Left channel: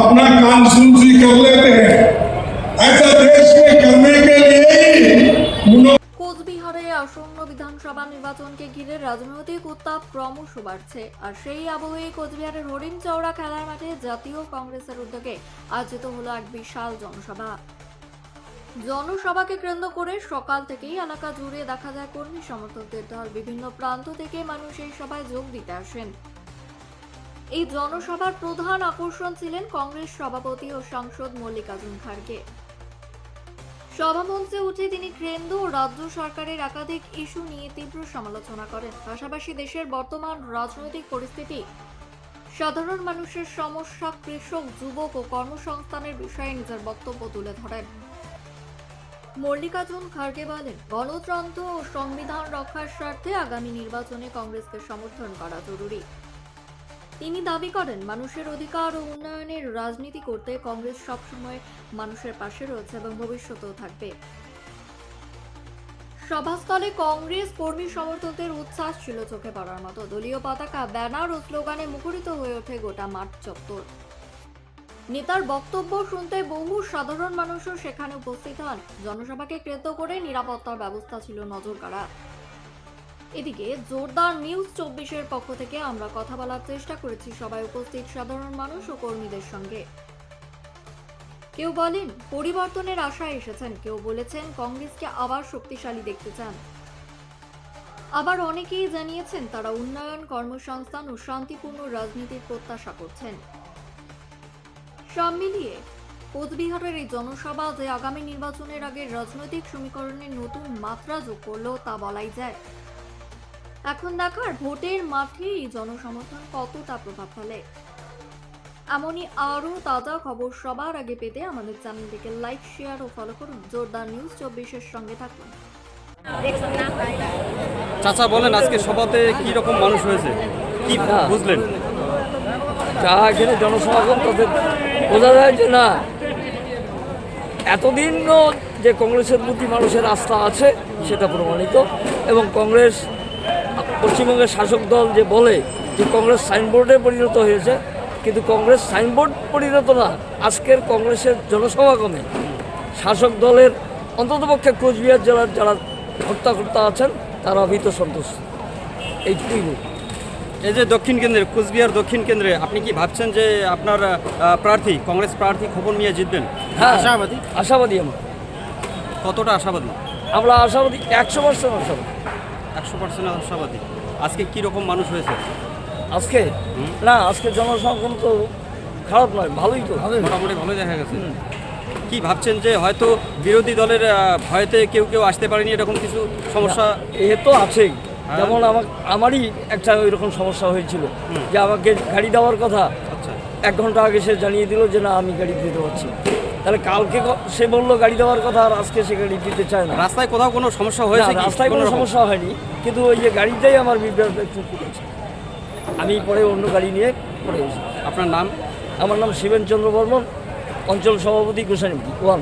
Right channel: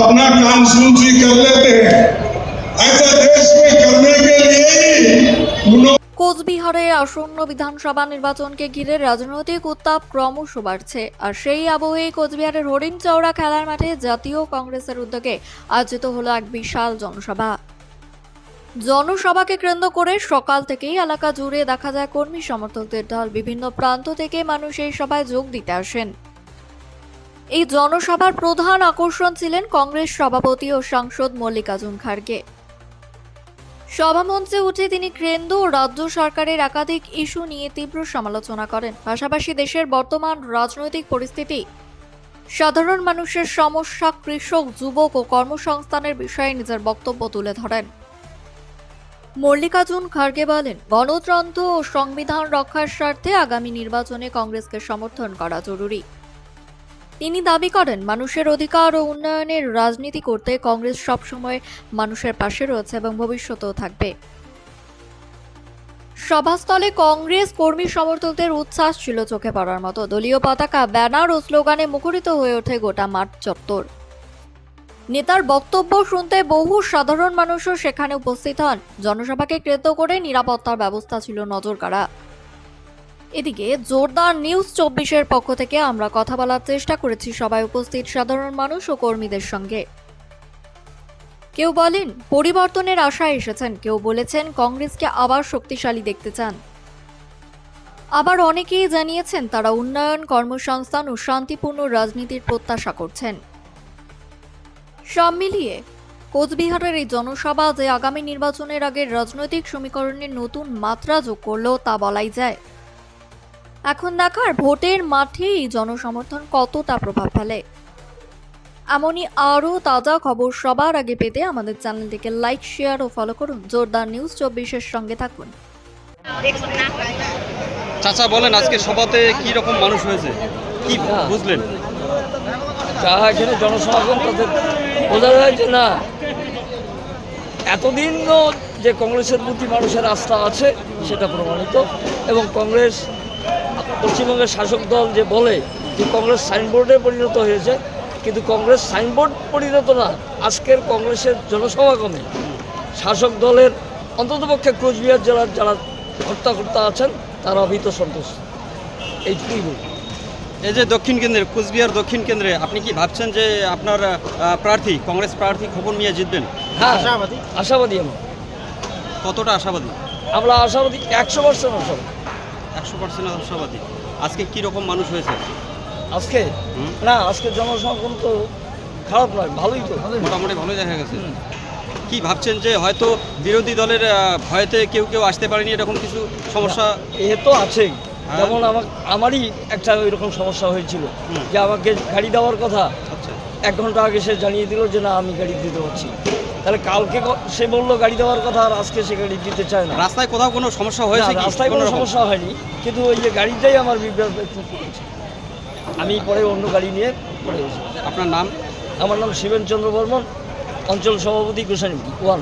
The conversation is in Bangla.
अपना कॉन्स्टिट्यूंसी कर लेते हैं। ऐसा देश में करने के लिए ही কোচবিহারে আসন্ন বিধানসভা নির্বাচনকে ঘিরে রাজনৈতিক উত্তাপ ক্রমশ বাড়ছে। আর সেই আবহে কোচবিহারের হরিণচৌড়া খেলার মাঠে জাতীয় কংগ্রেসের উদ্যোগে আয়োজিত হলো এক বিশাল জনসভা। জনসভাকে কেন্দ্র করে সকাল থেকেই এলাকা জুড়ে দেখা যায় কর্মী সমর্থকদের ঢল। বিভিন্ন প্রান্ত থেকে মানুষ এই সভায় যোগ দিতে আসেন। এই জনসভার প্রধান আকর্ষণ ছিলেন কংগ্রেস সভাপতি ও সাংসদ মল্লিকার্জুন খাড়গে। সভামঞ্চে উঠে তিনি কেন্দ্র ও রাজ্য সরকারের একাধিক ইস্যু নিয়ে তীব্র সমালোচনা করেন। পাশাপাশি দেশের বর্তমান রাজনৈতিক পরিস্থিতি, সাধারণ মানুষের সমস্যা, কৃষক, যুবক ও কর্মসংস্থানের বিষয়ে নিজের বক্তব্য তুলে ধরেন। মল্লিকার্জুন খাড়গে বলেন, গণতন্ত্র ও সংবিধান রক্ষার স্বার্থে আগামী নির্বাচনে কংগ্রেসকে সমর্থন করা জরুরি। তিনি দাবি করেন, মানুষের অধিকার ও উন্নয়নের রাজনীতি করতে কংগ্রেস সবসময় মানুষের পাশে রয়েছে এবং ভবিষ্যতেও থাকবে। সভাস্থলে কংগ্রেস কর্মী সমর্থকদের উচ্ছ্বাস ছিল চোখে পড়ার মতো। দলীয় পতাকা, ব্যানার ও স্লোগানে মুখরিত হয়ে ওঠে গোটা মাঠ চত্বর। নেতার বক্তব্য শুনতে বহু সাধারণ মানুষও সেখানে উপস্থিত হন। জনসভাকে কেন্দ্র করে নিরাপত্তার ব্যবস্থা ছিল নজরকাড়া। এদিকে জোরদার নিউজ 24-এর পক্ষ থেকে আমরা কথা বলার চেষ্টা করেছি সবাই উপস্থিত সাধারণ মানুষ ও কর্মীদের সঙ্গে। কেউ বলেন পরিবর্তনের আশায় এসেছেন, কেউ বলেছেন কংগ্রেসকে আবার শক্তিশালী দেখতে চান। আবার অনেকেই জানিয়েছেন তারা উন্নয়ন, কর্মসংস্থান ও শান্তিপূর্ণ রাজনীতির প্রত্যাশা করছেন। সব মিলিয়ে কোচবিহারের এই জনসভা যে আগামী নির্বাচনের আগে রাজনৈতিক সমীকরণের নতুন মাত্রা যোগ করলো তা বলাই যায়। এখন দেখার ভোটের মাঠে এই জনসমর্থন কতটা প্রভাব ফেলে। এমনই আরও তাজা খবর সবার আগে পেতে আমাদের চ্যানেলটিকে লাইক, শেয়ার ও ফলো করুন। জোরদার নিউজ 24-এর সঙ্গে থাকুন। চাচা বলেন, আজকে সভাতে কি রকম মানুষ হয়েছে, কি বুঝলেন? যা এখানে জনসমাগম তাদের বোঝা যায় যে না, এতদিনও যে কংগ্রেসের প্রতি মানুষের আস্থা আছে সেটা প্রমাণিত। এবং কংগ্রেস, পশ্চিমবঙ্গের শাসক দল যে বলে যে কংগ্রেস সাইনবোর্ডে পরিণত হয়েছে, কিন্তু কংগ্রেস সাইনবোর্ড পরিণত না। আজকের কংগ্রেসের জনসমাগমে শাসক দলের অন্ততপক্ষে কোচবিহার জেলার যারা কর্তা আছেন তারা ভীত সন্তুষ্ট, এইটুকুই বলি। এই যে দক্ষিণ কেন্দ্রে, কোচবিহার দক্ষিণ কেন্দ্রে আপনি কি ভাবছেন যে আপনার প্রার্থী, কংগ্রেস প্রার্থী খোকন মিয়া জিতবেন? হ্যাঁ, আশাবাদী আমরা। কতটা আশাবাদী? আমরা আশাবাদী 100% আশাবাদী। 100% আশাবাদী। আজকে কি রকম মানুষ হয়েছে? আজকে না, আজকে জনসমাগম তো খারাপ নয়, ভালোই তো, মোটামুটি ভালোই দেখা গেছে। কি ভাবছেন যে হয়তো বিরোধী দলের ভয়তে কেউ কেউ আসতে পারেনি, এরকম কিছু সমস্যা? এ তো আছেই। যেমন আমারই একটা ওই রকম সমস্যা হয়েছিল যে আমাকে গাড়ি দেওয়ার কথা, আচ্ছা, 1 ঘন্টা আগে সে জানিয়ে দিল যে না, আমি গাড়ি দিতে পারছি। তাহলে কালকে সে বললো গাড়ি দেওয়ার কথা, আর আজকে সে গাড়ি দিতে চায় না। রাস্তায় কোথাও কোনো সমস্যা হয়েছে? রাস্তায় কোনো সমস্যা হয়নি, কিন্তু ওই যে গাড়িটাই আমার বিভ্রাট একটু করেছে। আমি পরে অন্য গাড়ি নিয়ে পরে এসেছি। আপনার নাম? আমার নাম শিবেন চন্দ্র বর্মন, অঞ্চল সভাপতি গোসাইনপুর 1।